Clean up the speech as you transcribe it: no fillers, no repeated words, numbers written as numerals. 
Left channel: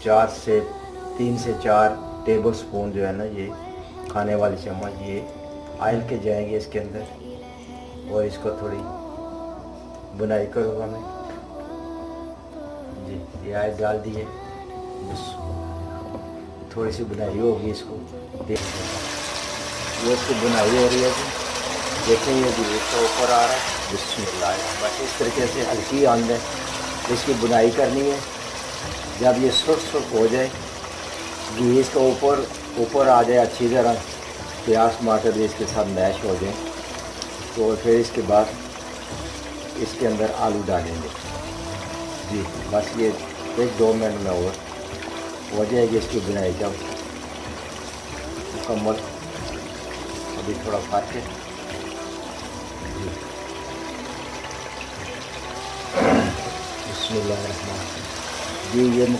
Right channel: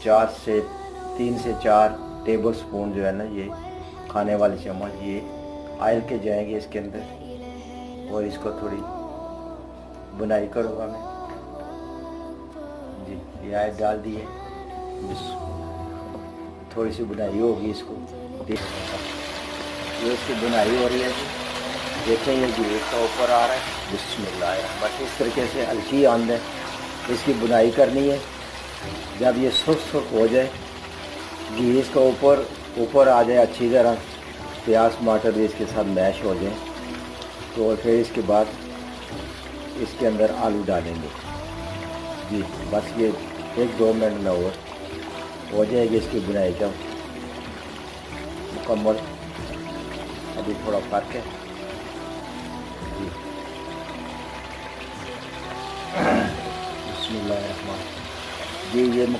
3 से 4 table spoon जो है ना, ये खाने वाले चम्मच ये ऑयल के जाएंगे इसके अंदर। और इसको थोड़ी बुनाई करूँगा मैं जी। ये ऑयल डाल दिए, बस थोड़ी सी बुनाई होगी इसको। ये इसकी बुनाई हो रही है, देखें ये भी इसका ऊपर आ रहा है। बिस्मिल्लाह, बस इस तरीके से हल्की अंदर इसकी बुनाई करनी है। जब ये सुस्त हो जाए, घी इसका ऊपर आ जाए अच्छी तरह, प्याज टमाटर भी इसके साथ मैश हो जाए, तो फिर इसके बाद इसके अंदर आलू डालेंगे जी। बस ये 1-2 मिनट में हो जाएगी इसकी बुनाई जब मुकम्मल। अभी थोड़ा फर्क है जी। बिस्मिल्लाह जी। ये